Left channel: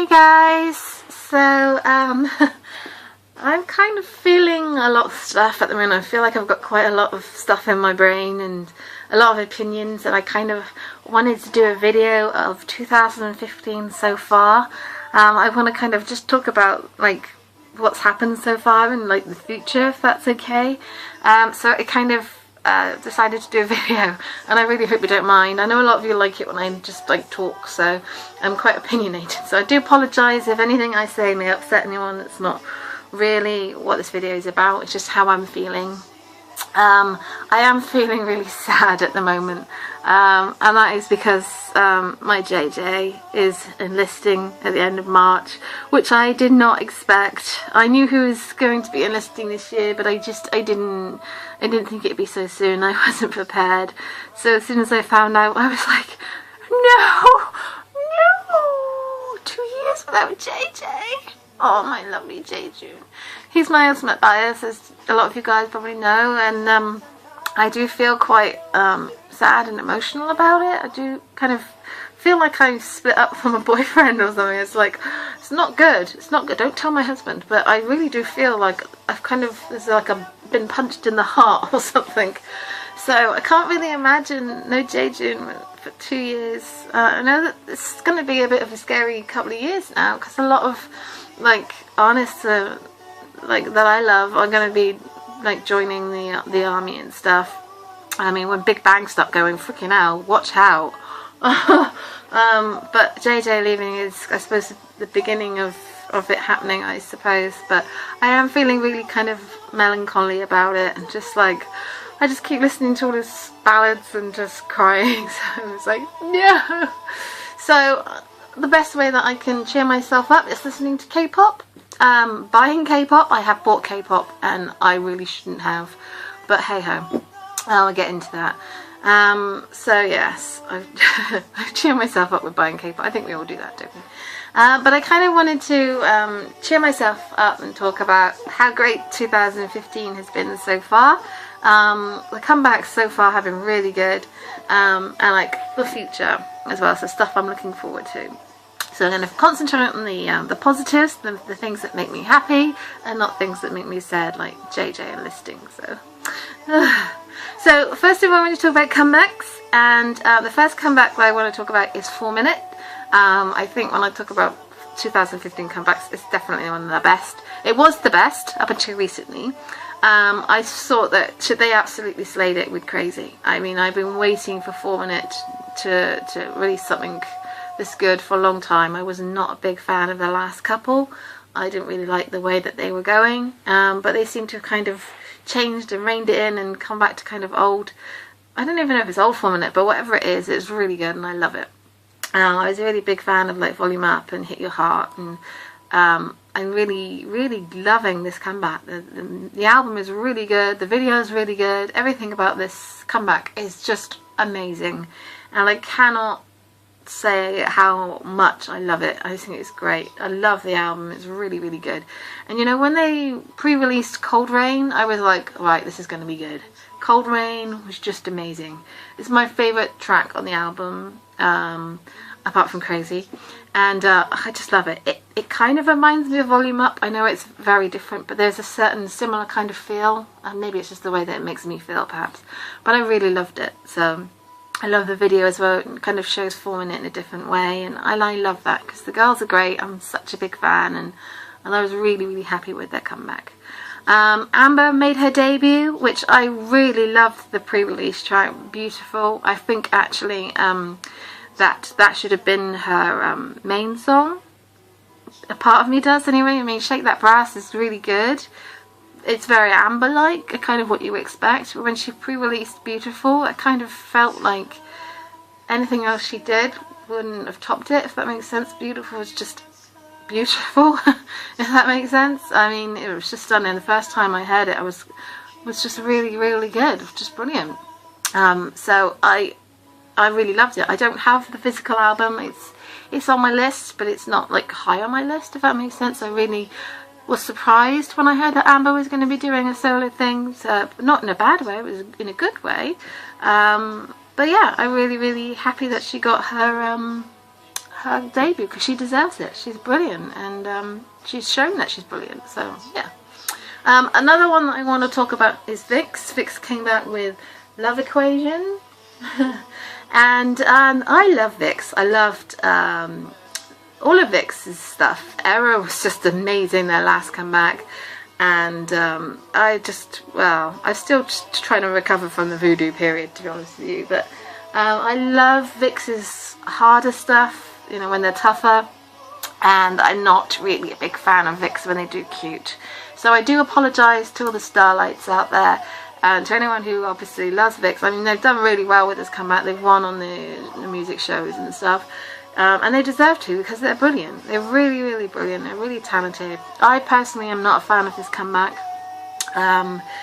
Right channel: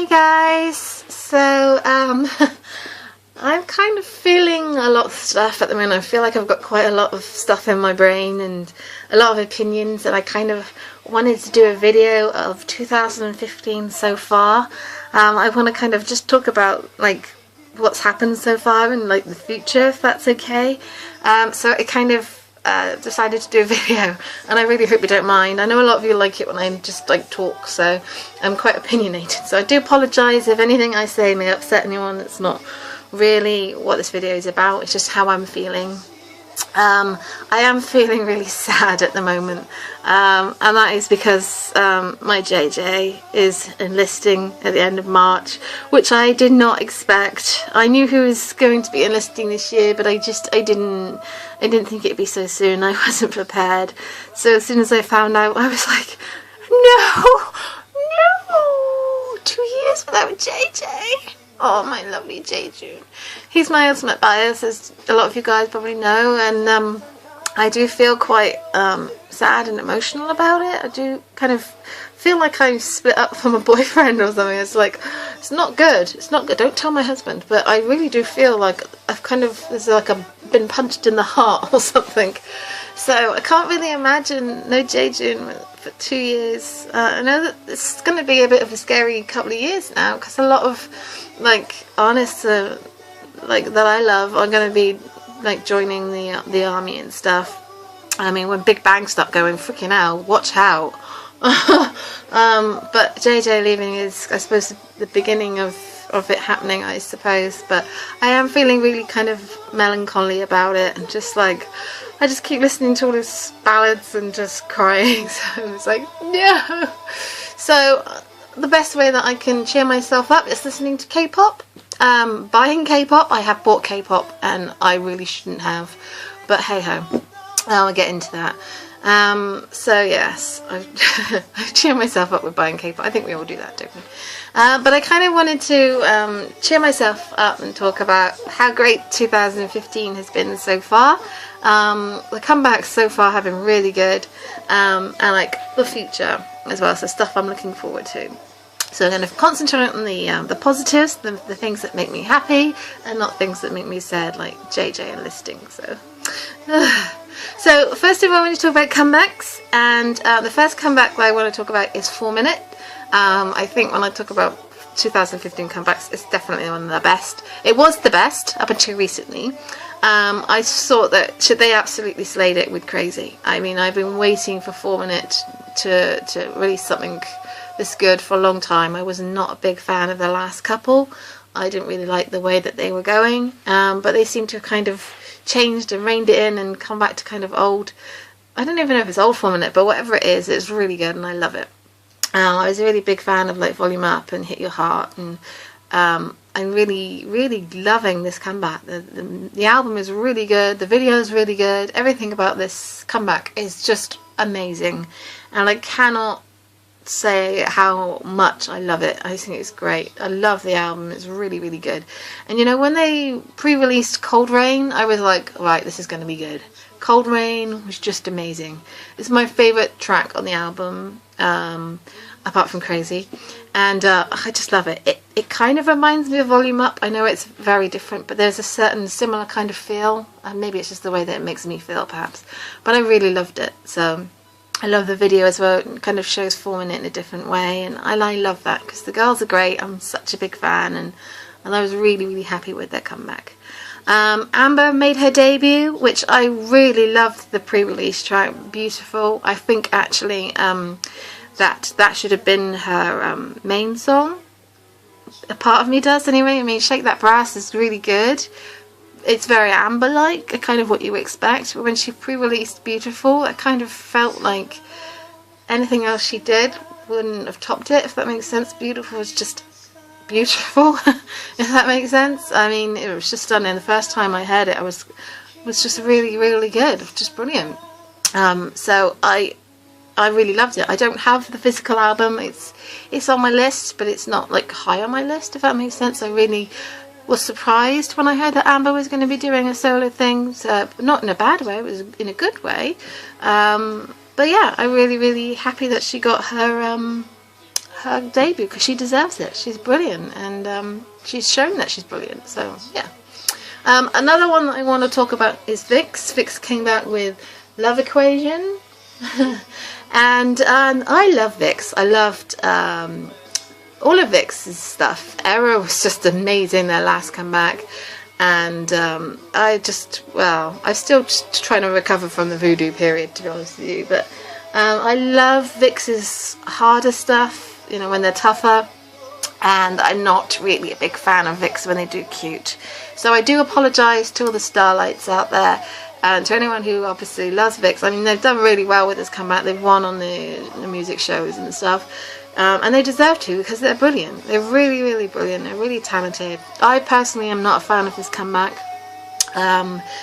Hey guys, so I'm kind of feeling a lot of stuff at the moment. I feel like I've got quite a lot of stuff in my brain and a lot of opinions, and I kind of wanted to do a video of 2015 so far. I want to kind of just talk about like what's happened so far and like the future, if that's okay. So it kind of decided to do a video, and I really hope you don't mind. I know a lot of you like it when I just like talk, so I'm quite opinionated, so I do apologise if anything I say may upset anyone. It's not really what this video is about, it's just how I'm feeling. I am feeling really sad at the moment, and that is because my JJ is enlisting at the end of March, which I did not expect. I knew he was going to be enlisting this year, but I didn't think it'd be so soon. I wasn't prepared. So as soon as I found out, I was like, no, 2 years without JJ. Oh, my lovely Jaejoong. He's my ultimate bias, as a lot of you guys probably know, and I do feel quite sad and emotional about it. I do kind of feel like I'm split up from a boyfriend or something. It's like, it's not good. It's not good. Don't tell my husband. But I really do feel like I've kind of, it's like I've been punched in the heart or something. So I can't really imagine no Jaejoong for 2 years. I know that it's going to be a bit of a scary couple of years now, because a lot of like artists like that I love are going to be like joining the army and stuff. I mean, when Big Bang start going, freaking hell, watch out. But JJ leaving is, I suppose, the beginning of it happening, I suppose. But I am feeling really kind of melancholy about it, and just like, I just keep listening to all his ballads and just crying. So it's like, no. So the best way that I can cheer myself up is listening to K-pop. Buying K-pop. I have bought K-pop and I really shouldn't have, but hey ho, I'll get into that. So yes, I cheer myself up with buying K-pop. I think we all do that, don't we? But I kind of wanted to cheer myself up and talk about how great 2015 has been so far. The comebacks so far have been really good, and like the future as well, so stuff I'm looking forward to. So I'm going to concentrate on the positives, the things that make me happy, and not things that make me sad, like JJ enlisting. So, so first of all, I want to talk about comebacks, and the first comeback that I want to talk about is 4 Minute. I think when I talk about 2015 comebacks, it's definitely one of the best. It was the best up until recently. I thought that they absolutely slayed it with Crazy. I mean, I've been waiting for 4 Minute to release something this good for a long time. I was not a big fan of the last couple. I didn't really like the way that they were going, but they seem to have kind of changed and reined it in and come back to kind of old. I don't even know if it's old 4 Minute, but whatever it is, it's really good and I love it. I was a really big fan of like Volume Up and Hit Your Heart, and I'm really loving this comeback. The album is really good, the video is really good, everything about this comeback is just amazing, and I cannot say how much I love it. I think it's great. I love the album. It's really good. And you know, when they pre-released Cold Rain, I was like, right, this is going to be good. Cold Rain was just amazing. It's my favourite track on the album, apart from Crazy, and I just love it. It kind of reminds me of Volume Up. I know it's very different, but there's a certain similar kind of feel, and maybe it's just the way that it makes me feel perhaps, but I really loved it. So I love the video as well. It kind of shows 4 Minute in a different way, and I love that because the girls are great. I'm such a big fan, and I was really happy with their comeback. Amber made her debut, which I really loved the pre-release track. Beautiful. I think actually that should have been her main song. A part of me does anyway. I mean, Shake That Brass is really good. It's very Amber-like, kind of what you expect, but when she pre-released Beautiful, I kind of felt like anything else she did wouldn't have topped it, if that makes sense. Beautiful was just beautiful, if that makes sense. I mean, it was just stunning. The first time I heard it, I was just really good, just brilliant. So I really loved it. I don't have the physical album. It's on my list, but it's not like high on my list, if that makes sense. I really was surprised when I heard that Amber was going to be doing a solo thing, so not in a bad way, it was in a good way. But yeah, I'm really happy that she got her her debut, because she deserves it. She's brilliant, and she's shown that she's brilliant. So yeah. Another one that I want to talk about is VIXX. VIXX came back with Love Equation, and I love VIXX. I loved all of VIXX's stuff. Error was just amazing, their last comeback, and I'm still just trying to recover from the voodoo period, to be honest with you, but I love VIXX's harder stuff, you know, when they're tougher, and I'm not really a big fan of VIXX when they do cute. So I do apologise to all the Starlights out there, and to anyone who obviously loves VIXX. I mean, they've done really well with this comeback. They've won on the music shows and stuff, and they deserve to, because they're brilliant. They're really, really brilliant. They're really talented. I personally am not a fan of this comeback,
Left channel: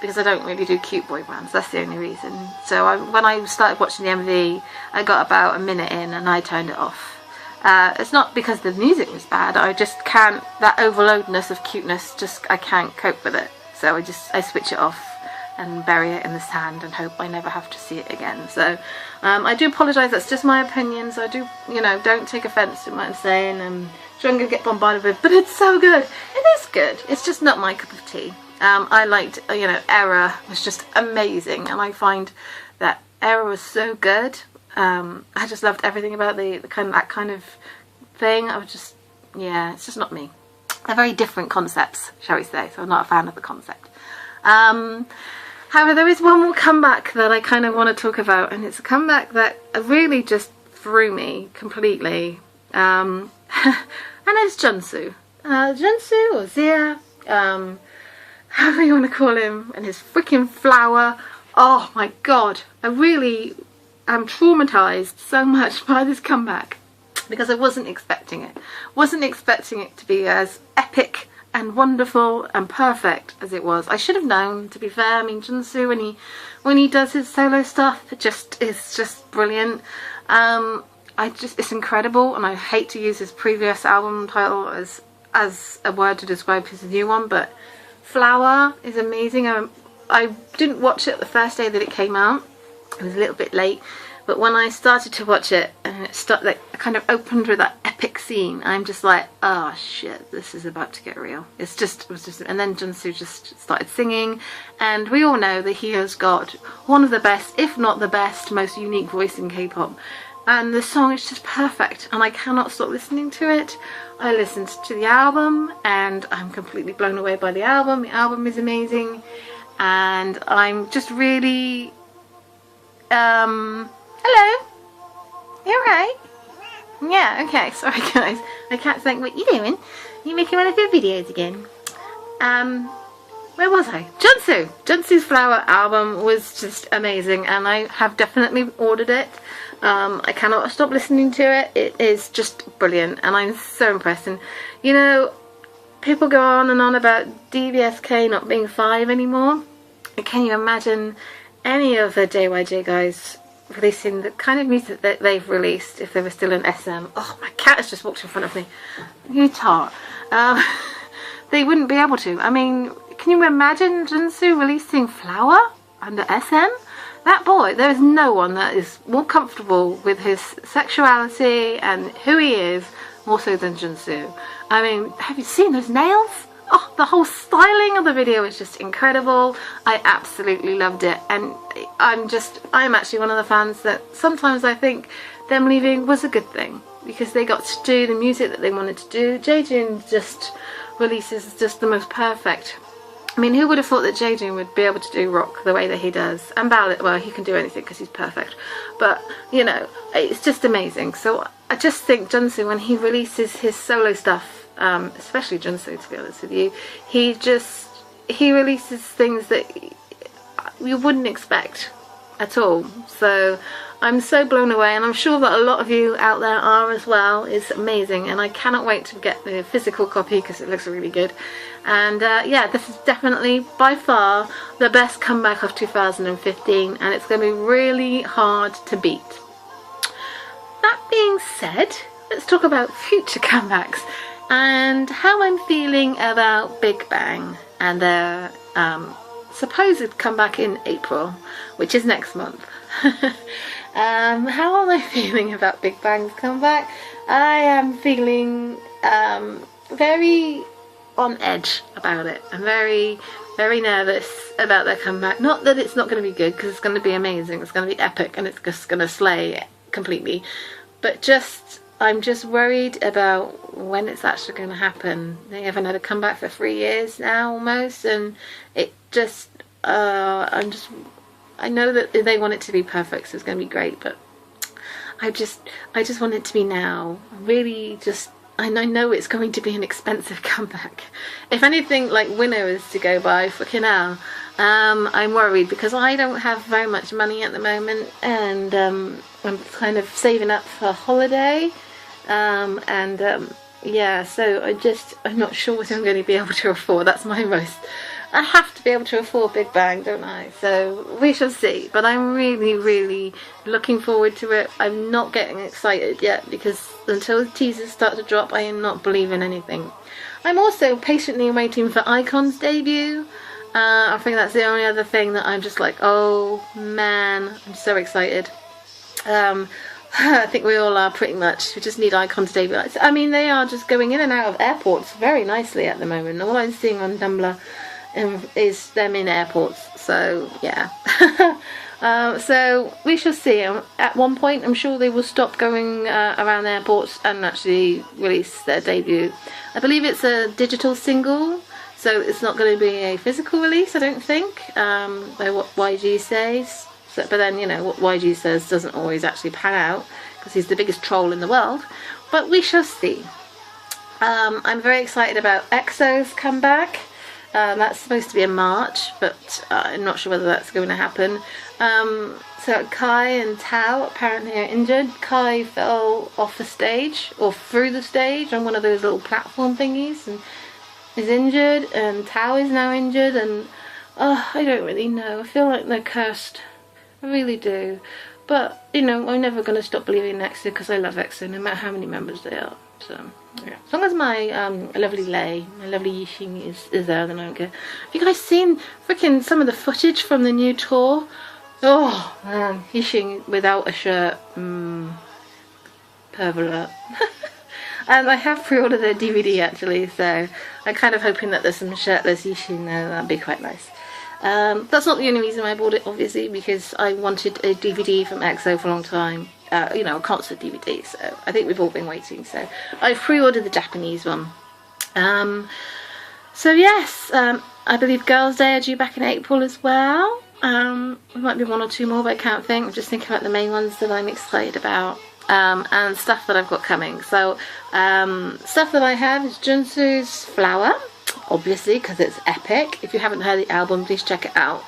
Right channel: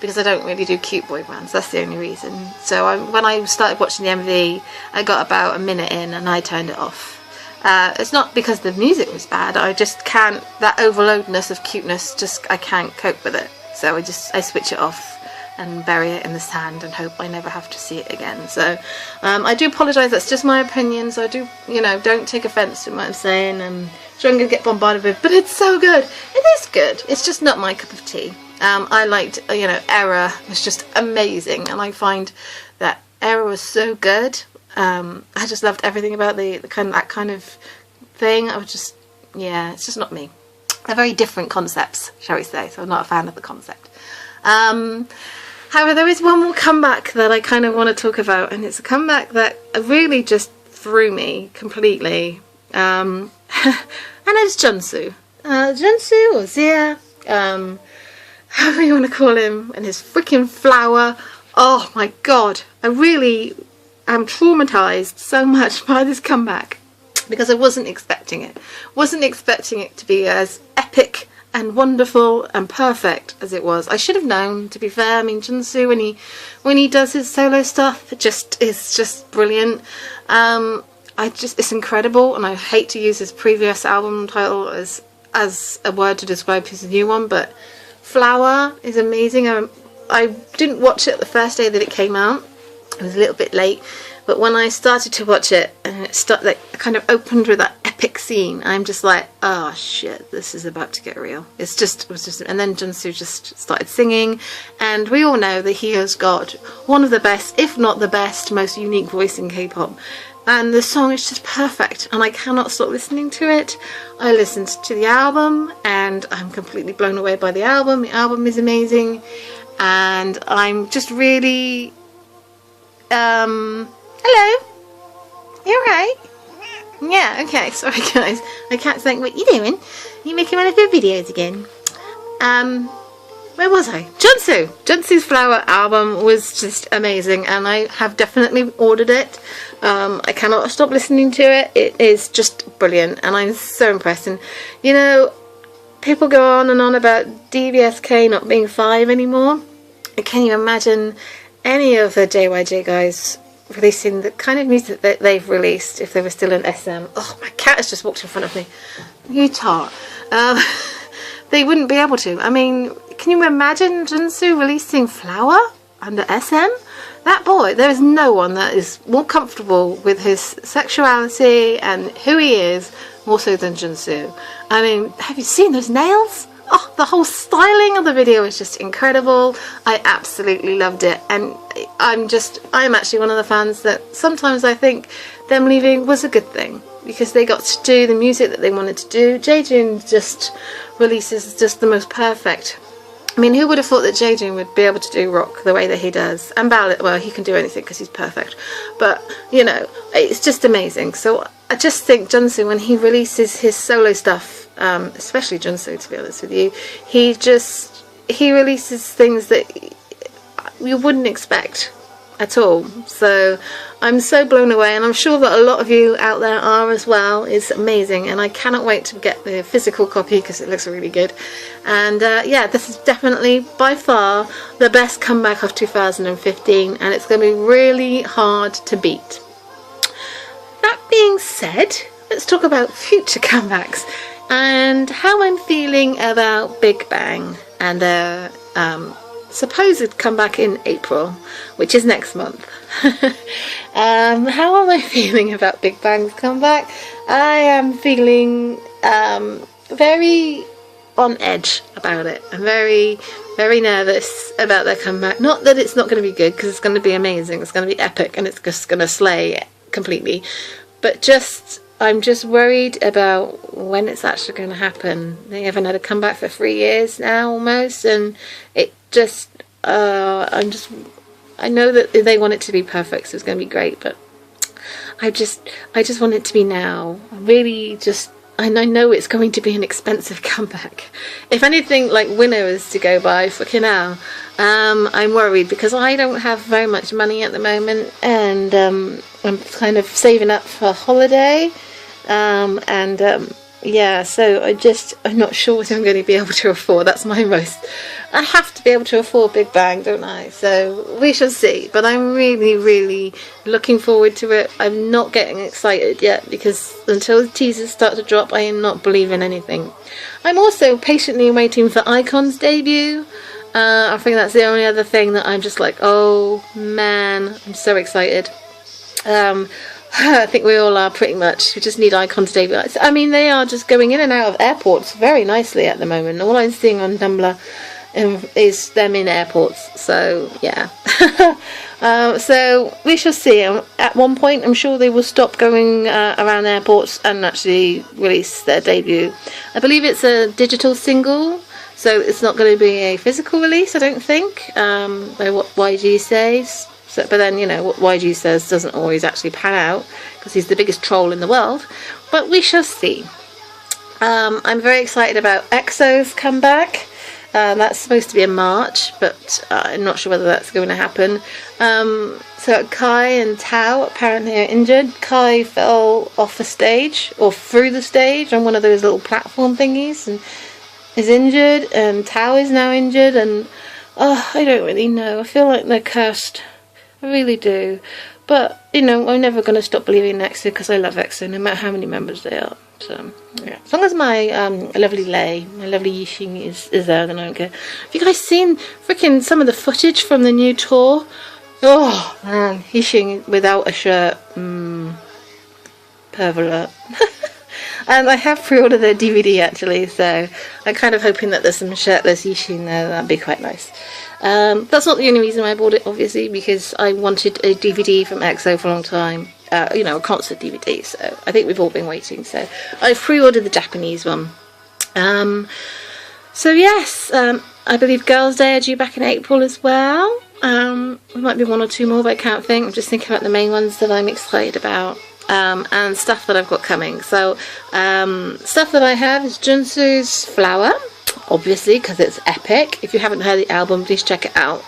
because I don't really do cute boy bands. That's the only reason. So when I started watching the MV, I got about a minute in and I turned it off. It's not because the music was bad, I just can't, that overloadness of cuteness, I can't cope with it. So I switch it off and bury it in the sand and hope I never have to see it again. So I do apologise, that's just my opinion, so I do, you know, don't take offence to what I'm saying. I'm sure I'm going to get bombarded with, but it's so good. It is good, it's just not my cup of tea. I liked, you know, Error was just amazing, and I find that Error was so good. I just loved everything about that kind of thing. I was just, yeah, it's just not me. They're very different concepts, shall we say, so I'm not a fan of the concept. However, there is one more comeback that I kind of want to talk about, and it's a comeback that really just threw me completely, and it's Junsu. Junsu, or Zia, however you want to call him, and his freaking flower. Oh my god, I really am traumatised so much by this comeback, because I wasn't expecting it. Wasn't expecting it to be as epic and wonderful and perfect as it was. I should have known, to be fair. I mean, Junsu, when he does his solo stuff, it's just brilliant. It's incredible, and I hate to use his previous album title as a word to describe his new one, but Flower is amazing. I didn't watch it the first day that it came out. It was a little bit late, but when I started to watch it, and it kind of opened with that epic scene, I'm just like, oh shit, this is about to get real. It was just, and then Junsu just started singing, and we all know that he has got one of the best, if not the best, most unique voice in K-pop, and the song is just perfect, and I cannot stop listening to it. I listened to the album, and I'm completely blown away by the album. The album is amazing, and I'm just really, hello? You alright? Yeah, okay, sorry guys. My cat's saying, what you doing? You making one of your videos again? Where was I? Junsu! Junsu's Flower album was just amazing, and I have definitely ordered it. I cannot stop listening to it. It is just brilliant, and I'm so impressed. And, you know, people go on and on about DBSK not being 5 anymore. Can you imagine any of the JYJ guys releasing the kind of music that they've released if they were still in SM? Oh, my cat has just walked in front of me. You tart. They wouldn't be able to. I mean, can you imagine Junsu releasing Flower under SM? That boy, there is no one that is more comfortable with his sexuality and who he is more so than Junsu. I mean, have you seen those nails? Oh, the whole styling of the video is just incredible. I absolutely loved it, and I'm actually one of the fans that sometimes I think them leaving was a good thing, because they got to do the music that they wanted to do. Jaejoong just releases just the most perfect. I mean, who would have thought that Jaejoong would be able to do rock the way that he does? And ballad, well, he can do anything because he's perfect. But, you know, it's just amazing. So I just think Junsu, when he releases his solo stuff, especially Junsu, to be honest with you, he releases things that you wouldn't expect at all. So I'm so blown away, and I'm sure that a lot of you out there are as well. It's amazing, and I cannot wait to get the physical copy because it looks really good. And yeah, this is definitely by far the best comeback of 2015, and it's going to be really hard to beat. That being said, let's talk about future comebacks and how I'm feeling about Big Bang and their supposed comeback in April, which is next month. How am I feeling about Big Bang's comeback? I am feeling very on edge about it. I'm very, very nervous about their comeback. Not that it's not going to be good, because it's going to be amazing. It's going to be epic, and it's just going to slay completely. But I'm just worried about when it's actually going to happen. They haven't had a comeback for 3 years now, almost, and it just, I know that they want it to be perfect, so it's going to be great, but I just want it to be now. And I know it's going to be an expensive comeback. If anything, like Winner is to go by, fucking hell. I'm worried because I don't have very much money at the moment, and I'm kind of saving up for a holiday. Yeah, so I'm not sure what I'm going to be able to afford. That's my most. I have to be able to afford Big Bang, don't I? So we shall see. But I'm really, really looking forward to it. I'm not getting excited yet, because until the teasers start to drop, I am not believing anything. I'm also patiently waiting for iKON's debut. I think that's the only other thing that I'm just like, oh man, I'm so excited. I think we all are, pretty much. We just need iKON to debut. I mean, they are just going in and out of airports very nicely at the moment. All I'm seeing on Tumblr is them in airports. So, yeah. So, we shall see. At one point, I'm sure they will stop going around airports and actually release their debut. I believe it's a digital single, so it's not going to be a physical release, I don't think, by what YG says. So, but then, you know, what YG says doesn't always actually pan out, because he's the biggest troll in the world. But we shall see. I'm very excited about EXO's comeback. That's supposed to be in March, but I'm not sure whether that's going to happen. So Kai and Tao apparently are injured. Kai fell off the stage, or through the stage, on one of those little platform thingies, and is injured, and Tao is now injured, and I don't really know. I feel like they're cursed. I really do. But, you know, I'm never going to stop believing in EXO, because I love EXO, no matter how many members they are. So, yeah. As long as my lovely Lay, my lovely Yixing is there, then I don't care. Have you guys seen freaking some of the footage from the new tour? Oh, man. Yixing without a shirt. Pervert. And I have pre-ordered their DVD, actually, so I'm kind of hoping that there's some shirtless Yixing there. That'd be quite nice. That's not the only reason I bought it, obviously, because I wanted a DVD from EXO for a long time. You know, a concert DVD, so I think we've all been waiting. So I've pre-ordered the Japanese one. So yes, I believe Girls' Day are due back in April as well. There might be one or two more, but I can't think. I'm just thinking about the main ones that I'm excited about. And stuff that I've got coming. So stuff that I have is Junsu's Flower, obviously, because it's epic. If you haven't heard the album, please check it out.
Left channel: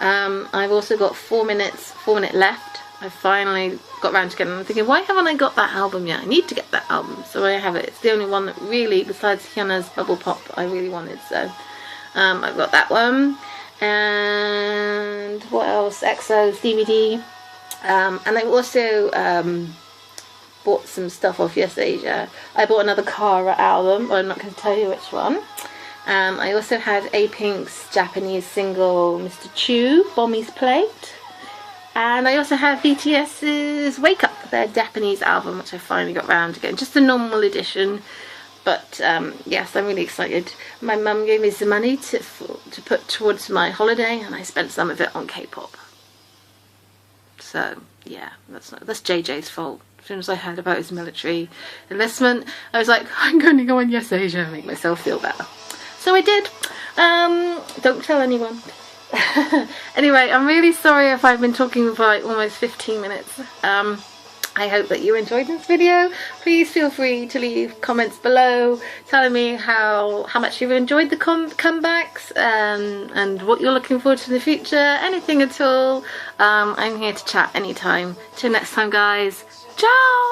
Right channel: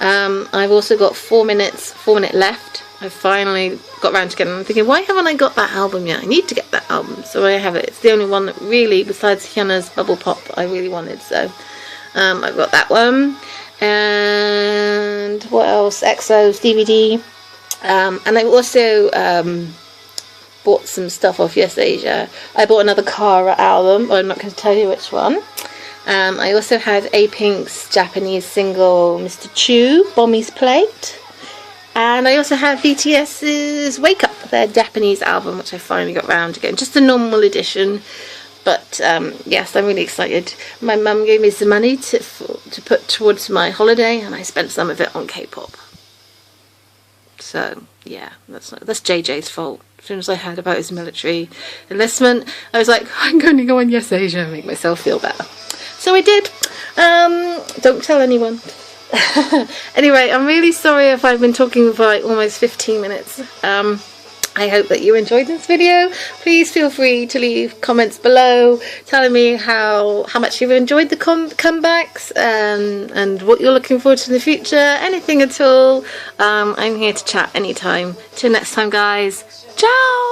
I've also got 4 Minute Left. I finally got around to getting it. I'm thinking, why haven't I got that album yet? I need to get that album. So I have it. It's the only one that really, besides Hyunna's Bubble Pop, I really wanted. So I've got that one. And what else? EXO's DVD. And I also bought some stuff off Yes Asia. I bought another Kara album, but I'm not going to tell you which one. I also had A-Pink's Japanese single Mr. Chu, Bommy's Plate. And I also had BTS's Wake Up, their Japanese album, which I finally got round to getting. Just the normal edition. But yes, I'm really excited. My mum gave me some money to put towards my holiday, and I spent some of it on K-pop. So yeah, that's JJ's fault. As soon as I heard about his military enlistment, I was like, I'm going to go on Yes Asia and make myself feel better. So I did. Don't tell anyone. Anyway, I'm really sorry if I've been talking for like almost 15 minutes. I hope that you enjoyed this video. Please feel free to leave comments below telling me how much you've enjoyed the comebacks and what you're looking forward to in the future. Anything at all. I'm here to chat anytime. Till next time, guys. Ciao!